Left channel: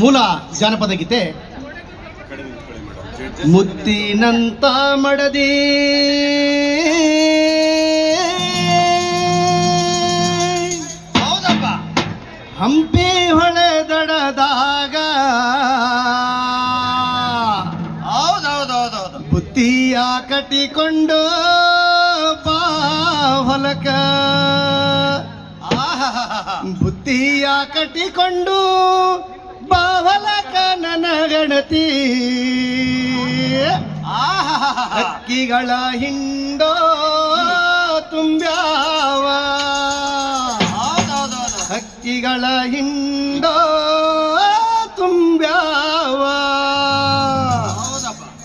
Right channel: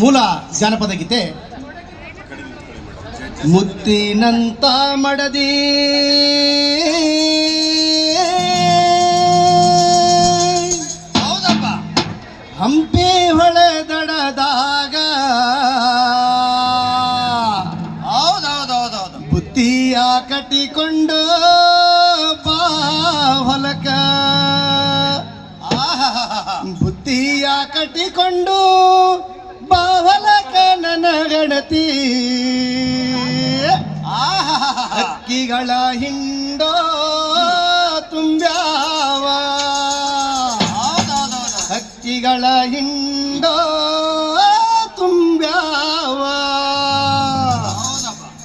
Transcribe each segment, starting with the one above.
ಮೂಲ ಜಾನಪದ ಗೀತೆ. ಮುತ್ತಿನಂತ ಮಡದಿ ಹೌದಪ್ಪ, ಹಂಪಿ ಹೊಳೆ ದಡದಾಗ ಹೌದೌದೌದೌದು ಬುತ್ತಿಯ ಕಟ್ಟಿಕೊಂಡು ಬಾ ಹೊಲಕ, ಬುತ್ತಿಯ ಕಟ್ಟಿಕೊಂಡು ಬಾವಲಕ ನನ್ನ ಗಣತಿ, ಹಕ್ಕಿಗಳ ಹಿಂಡೋ ತುಂಬ್ಯಾವ, ಹಕ್ಕಿಗಳ ಹಿಂಡೋ ತುಂಬ್ಯಾವ,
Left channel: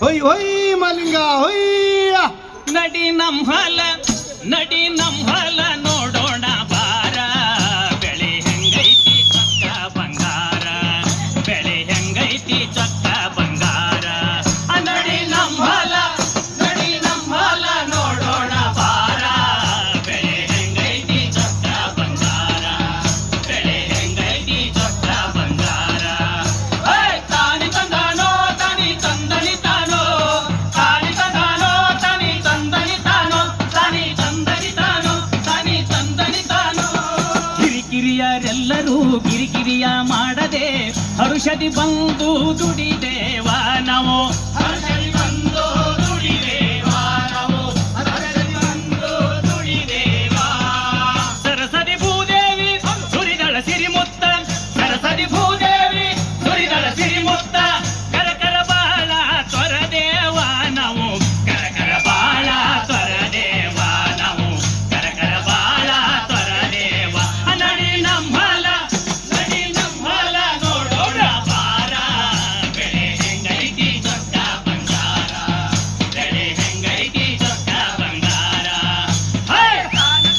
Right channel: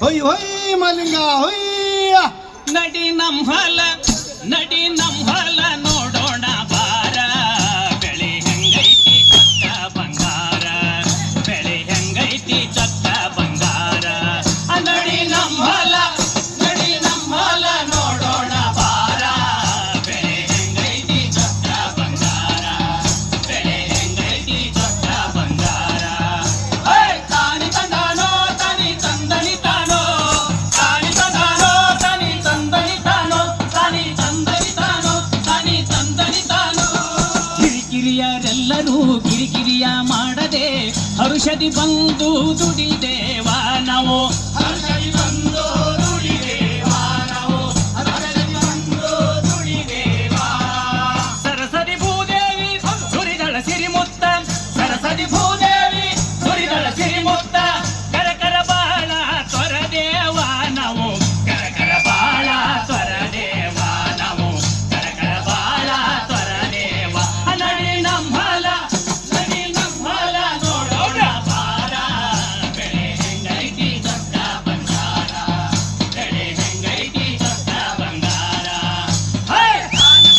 ಹೊಯ್ ಹೊಯ್ ಮಲಿಂಗ ಹೊಯ್ಯ ನಡಿ ನಮ್ಮಲ ನಡಿ ನಮ್ಮಲ ನೋಡೋಣ ಬಾರ, ಬೆಳೆ ಹೆಂಗೈತಿ ಚಕ್ಕ ಬಂಗಾರ, ಬೆಳೆ ಹೆಂಗೈತಿ ಚಕ್ಕ ಬಂಗಾರ. ನಡಿ ನಮ್ಮಲ ನೋಡೋಣ ಬಾರ, ಬೆಳೆ ಹೆಂಗೈತಿ ಚಕ್ಕ ಬಂಗಾರ, ಬೆಳೆ ಹೆಂಗೈತಿ ಚಕ್ಕ ಬಂಗಾರ. ತಾನಿ ತಂದಾನೋ ತಾನಿ ತಂದನಿ ತಾನೋ, ತಾನಿ ತಂದಾನೋ ತಾನಿ ತಂದನಿ ತಾನೋ, ತಾನಿ ತಂದನಿ ತಾನೋ, ತಾನಿ ತಂದನಿ ತಾನೋ. ಕಿರಿಕಿರಿಯರೆಲ್ಲರೂ ಕಿರಿಕಿರಿಯ ಮಾಡದೆ ಹರುಷದಿ ಬಂದು ದುಡಿದೇವ ನಾವು, ಹರುಷದಿ ಬಂದು ದುಡಿದೇವ ನಾವು, ಹರುಷದಿ ಬಂದು ದುಡಿದೇವ. ಸರಸದಿ ಭೂದೇವಿ ಸುರಿದಳ ಸಿರಿಮುತ್ತ, ಸರಸದಿ ಭೂದೇವಿ ಸುರಿದಳ ಸಿರಿಮುತ್ತ, ಕರಕರ ಬಾಳ ತೊರದೇವ ನಾವು, ಕರಕರ ಬಾಳ ತೊರದೇವ ನಾವು, ಕರಕರ ಬಾಳ ತೊರದೇವ. ನಡಿ ನಮ್ಮಲ ನೋಡೋಣ ಬಾರ, ಬೆಳೆ ಹೆಂಗೈತಿ ಚೊಕ್ಕ ಬಂಗಾರ, ಬೆಳೆ ಹೆಂಗೈತಿ ಚೊಕ್ಕ ಬಂಗಾರ. ತಾನಿ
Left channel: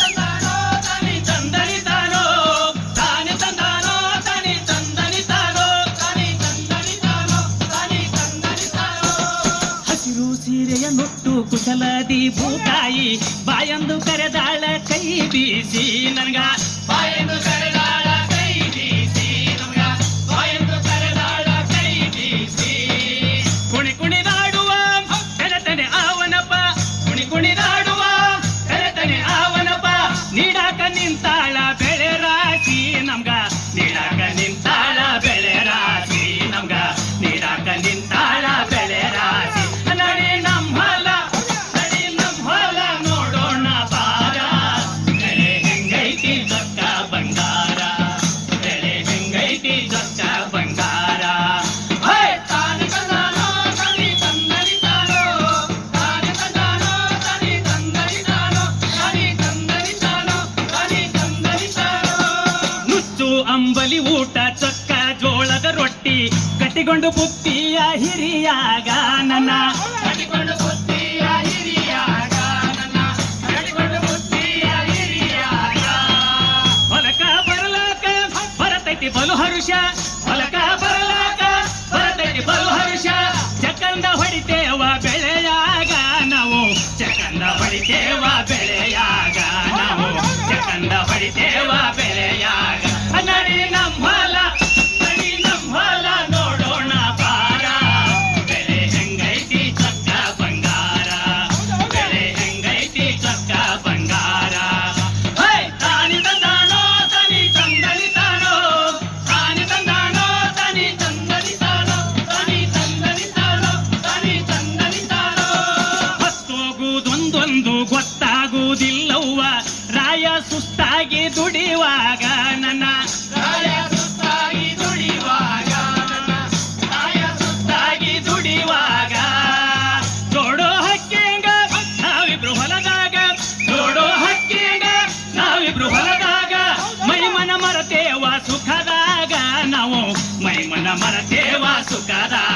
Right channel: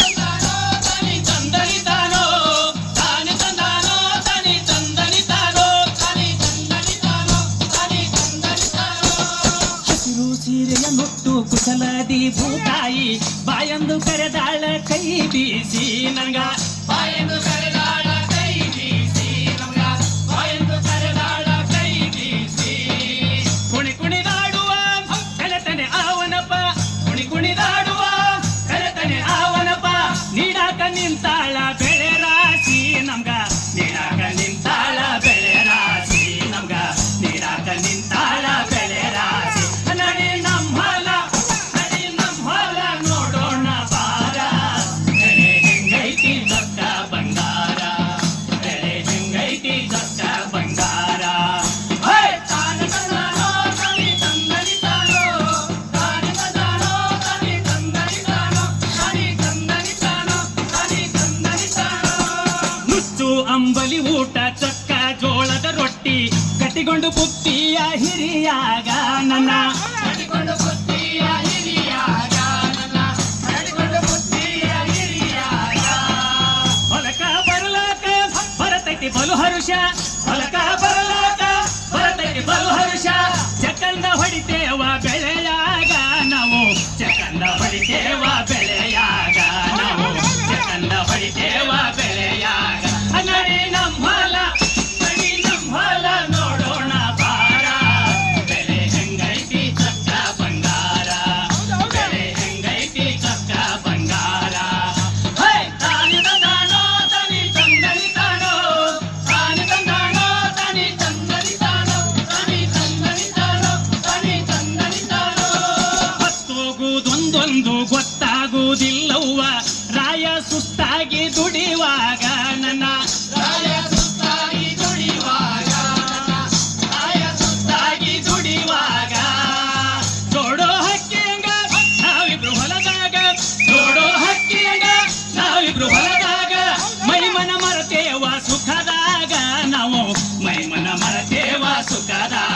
ತಂದನಿ ತಾನೋ, ತಾನಿ ತಂದಾನೋ ತಾನಿ ತಂದನಿ ತಾನೋ, ತಾನಿ ತಂದನಿ ತಾನೋ, ತಾನಿ ತಂದನಿ ತಾನೋ. ಹಸಿರು ಸೀರೆಯ ಮುಟ್ಟು ಕುಶಲದಿ ಭೂತಾಯಿ ಬಾಯಂದು ಕರೆದಾಳ ಕೈ ಬೀಸಿ ನನ್ಗ, ಬಾಯಂದು ಕರೆದಾಳ ಕೈ ಬೀಸಿ ನನ್ಗ, ಬಾಯಂದು ಕರೆದಾಳ ಕೈ ಬೀಸಿ. ಕುಣಿ ಕುಣಿದಾಡುವ ಕಳತನೆ ಆವನಪ್ಪ, ಕುಣಿ ಕುಣಿದಾಡುವ ಕಳತನೆ ಆವನಪ್ಪ, ನೀಡಾಕ ನಿಂತಾಳ ಬೆಳೆ ರಾಶಿ ನಮ್ಗ, ನೀಡಾಕ ನಿಂತಾಳ ಬೆಳೆ ರಾಶಿ ನಮ್ಗ, ನೀಡಾಕ ನಿಂತಾಳ ಬೆಳೆ ರಾಶಿ. ನಡಿ ನಮ್ಮಲ ನೋಡೋಣ ಬಾರ, ಬೆಳೆ ಹೆಂಗೈತಿ ಚೊಕ್ಕ ಬಂಗಾರ, ಬೆಳೆ ಹೆಂಗೈತಿ ಚೊಕ್ಕ ಬಂಗಾರ. ತಾನಿ ತಂದಾನೋ ತಾನಿ ತಂದನಿ ತಾನೋ, ತಾನಿ ತಂದಾನೋ ತಾನಿ ತಂದನಿ ತಾನೋ, ತಾನಿ ತಂದನಿ ತಾನೋ, ತಾನಿ ತಂದನಿ ತಾನೋ. ನುಚ್ಚು ಅಂಬಲಿ ಊಟ ಚೊಕ್ಕ ಜೋಳದ ರೊಟ್ಟಿ ಕಟ್ಟಿಕೊಂಡು ಬುತ್ತಿಯ ಹಿರಿಯಾಗ ನನ್ನ, ಕಟ್ಟಿಕೊಂಡು ಬುತ್ತಿಯ ಹಿರಿಯಾಗ ನನ್ನ, ಕಟ್ಟಿಕೊಂಡು ಬುತ್ತಿಯ ಹಿರಿಯಾಗ. ಹೊಲಕ ಬರ್ಲಾಕ ಬರತೈತಿ ಬಲು ಹರುಷ, ಹೊಲಕ ಬರ್ಲಾಕ ಬರತೈತಿ ಬಲು ಹರುಷ, ಚಕಂದ ಹೊಡಿತೇವ ಬೆಳೆಯಾಗ ನಾವು, ಚಕಂದ ಹೊಡಿತೇವ ಬೆಳೆಯಾಗ ನಾವು, ಚಕಂದ ಹೊಡಿತೇವ ಬೆಳೆಯಾಗ. ನಡಿ ನಮ್ಮಲ ನೋಡೋಣ ಬಾರ, ಬೆಳೆ ಹೆಂಗೈತಿ ಚೊಕ್ಕ ಬಂಗಾರ, ಬೆಳೆ ಹೆಂಗೈತಿ ಚೊಕ್ಕ ಬಂಗಾರ. ತಾನಿ ತಂದಾನೋ ತಾನಿ ತಂದನಿ ತಾನೋ, ತಾನಿ ತಂದಾನೋ ತಾನಿ ತಂದನಿ ತಾನೋ, ತಾನಿ ತಂದನಿ ತಾನೋ, ತಾನಿ ತಂದನಿ ತಾನೋ. ಹೊತ್ತೋಗುವುದೊಂದೊಂದು ಗೊತ್ತಾಗುವುದಿಲ್ಲವ್ವ ರಾಯ ಸುಸ್ತಾಗಿ ದುಡಿಯುವಾಗ ನನ್ನ, ರಾಯ ಸುಸ್ತಾಗಿ ದುಡಿಯುವಾಗ ನನ್ನ, ರಾಯ ಸುಸ್ತಾಗಿ ದುಡಿಯುವಾಗ. ನೋಡೋ ಹಕ್ಕಿಂಗ ನಾವಿಬ್ರು ಹೊಲದಾಗ, ನೋಡೋ ಹಕ್ಕಿಂಗ ನಾವಿಬ್ರು ಹೊಲದಾಗ, ಮೈಮನ ಮರತೇವ ಸುಖದಾಗ ನಾವು, ಮೈಮನ ಮರತೇವ ಸುಖದಾಗ.